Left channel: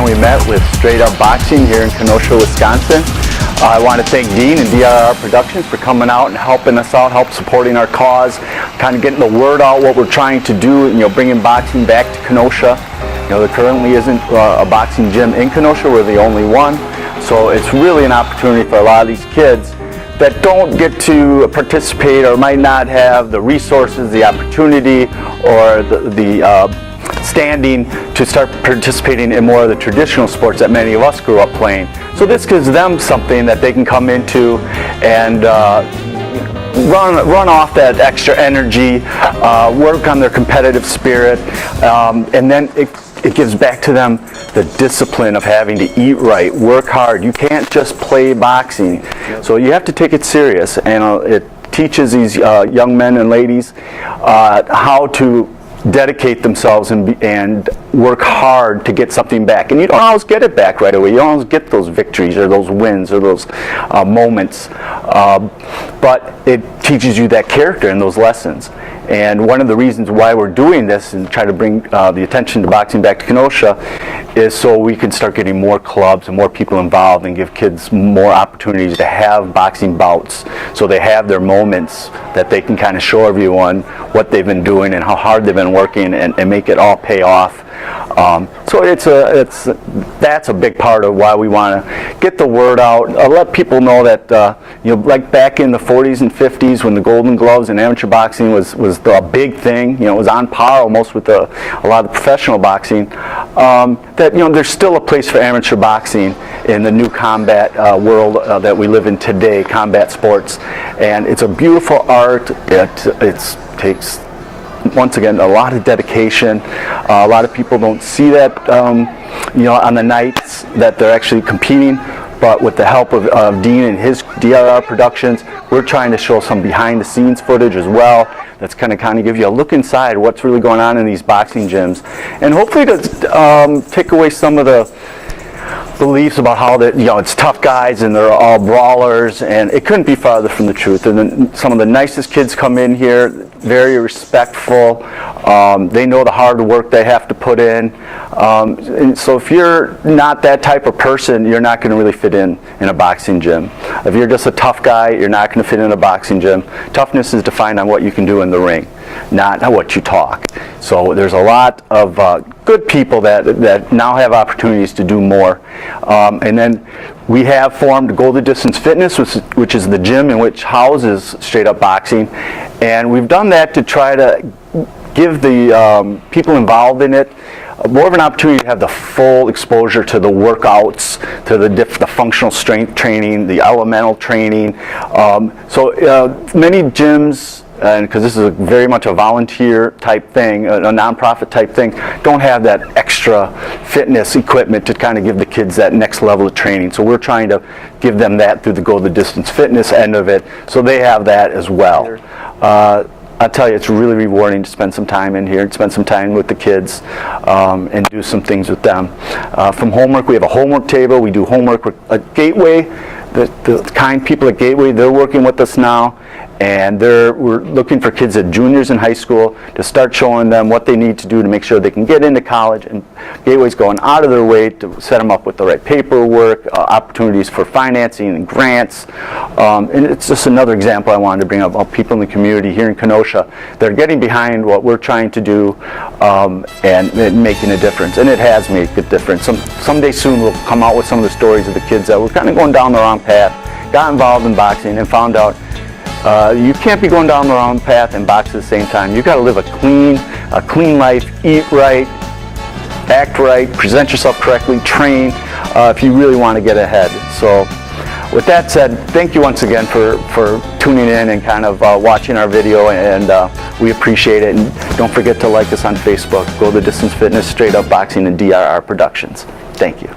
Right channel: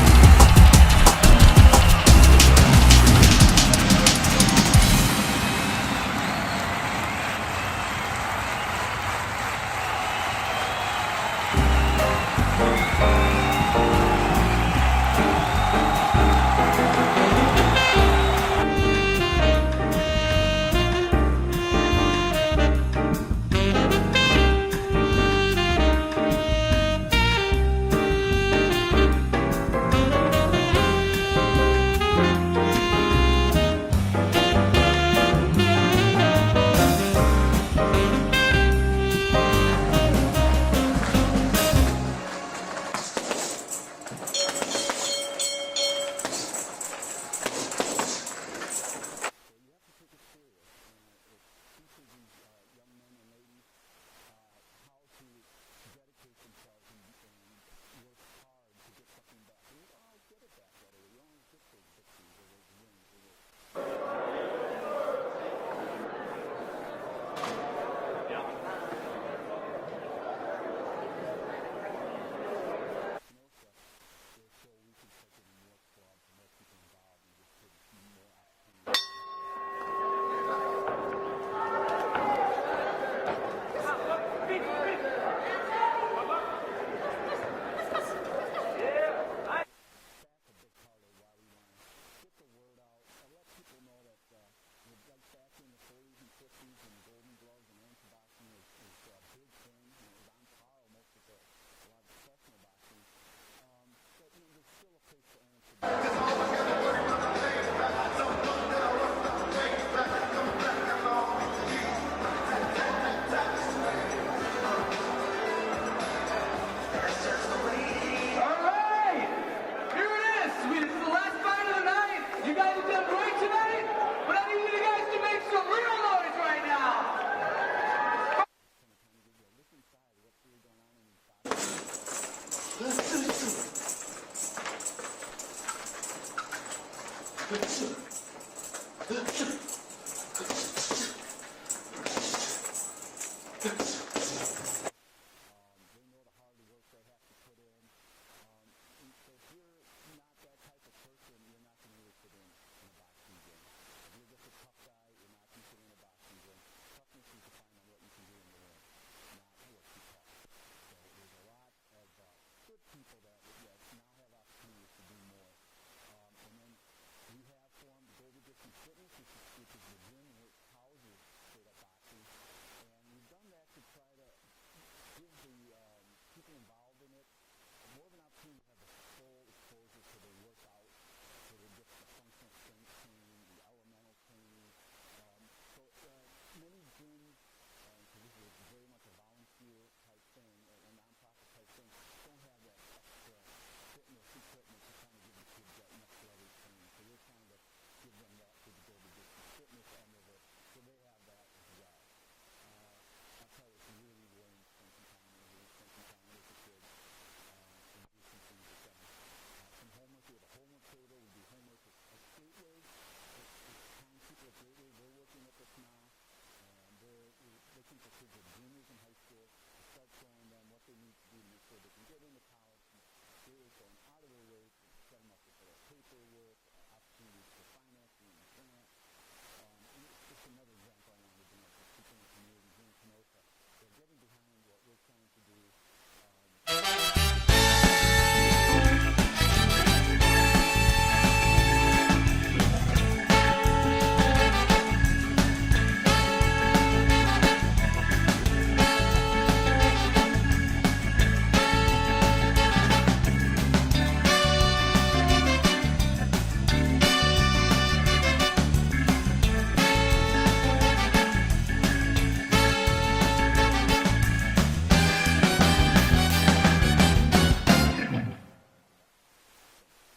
Ouimet with Straight Up Boxing here in Kenosha, Wisconsin. I want to thank Dean and DRR Productions for coming out and helping us out, help supporting our cause, kind of getting the word out what we're trying to do, bringing boxing back to Kenosha. There currently isn't a boxing gym in Kenosha. We're the only one. So it's really an opportunity for a lot of these kids that don't get to participate or might not have the resources, the opportunity, or the standing to start participating in more of the traditional sports that many of us grew up playing. So this gives them something that they can come into and run off that extra energy, work on their competitive spirit, and then it gives back to them the discipline of having to eat right, work hard. You can't just play boxing. So you have to take it serious, and it teaches these young men and ladies how to dedicate themselves and work hard to get something back. And you don't always get it back right away. You don't always get those victories or those wins or those moments. But it teaches you that character and those lessons. And one of the reasons why we're doing this and try to bring the attention to boxing back to Kenosha is so we can start getting more clubs and more people involved and give kids more opportunities to have boxing bouts, so they have their moments that they can kind of show everyone what they've been doing and how hard they've been working, and make it all pay off. So that's a big part of why we want to get the word out, let people know that like back in the 40s and 50s when the Golden Gloves and amateur boxing was the big thing, it was on par almost with a lot of the professional boxing, that there's still a place for amateur boxing in the new combat world that we live in today, combat sports, and it's a beautiful art. It takes, once again, a lot of dedication. A lot of people don't see that, on the nights that they're actually competing. But with the help of Dean and his DRR Productions, we're trying to show some behind-the-scenes footage as well. That's kind of give you a look inside what's really going on in these boxing gyms, and hopefully to take away some of the beliefs about how that it's tough guys and they're all brawlers, and it couldn't be farther from the truth. And then some of the nicest kids come in here, very respectful. They know the hard work they have to put in, and so if you're not that type of person, you're not going to really fit in a boxing gym. If you're just a tough guy, you're not going to fit in a boxing gym. Toughness is defined on what you can do in the ring, not what you talk. So there's a lot of good people that now have opportunities to do more. And then we have formed Golden Distance Fitness, which is the gym in which houses Straight Up Boxing. And we've done that to try to give the people involved in it more of an opportunity to have the full exposure to the workouts, to the functional strength training, the elemental training. So many gyms, and because this is very much a volunteer type thing, a nonprofit type thing, don't have that extra fitness equipment to kind of give the kids that next level of training. So we're trying to give them that through the Go the Distance Fitness end of it, so they have that as well. I'll tell you, it's really rewarding to spend some time in here and spend some time with the kids and do some things with them. From homework, we have a homework table. We do homework at Gateway. The kind people at Gateway, they're working with us now. And we're looking for kids at juniors in high school to start showing them what they need to do to make sure they can get into college. And Gateway's going out of their way to set them up with the right paperwork, opportunities for financing and grants. And it's just another example I wanted to bring up of people in the community here in Kenosha. They're getting behind what we're trying to do and making a difference. And it has made a difference. Someday soon we'll come out with some of the stories of the kids that were kind of going down the wrong path, got involved in boxing, and found out you can't be going down the wrong path and box at the same time. You've got to live a clean life, eat right, act right, present yourself correctly, train if you really want to get ahead. So with that said, thank you once again for tuning in and kind of watching our video, and we appreciate it. And don't forget to like us on Facebook, Go the Distance Fitness, Straight Up Boxing, and DRR Productions. Thank you.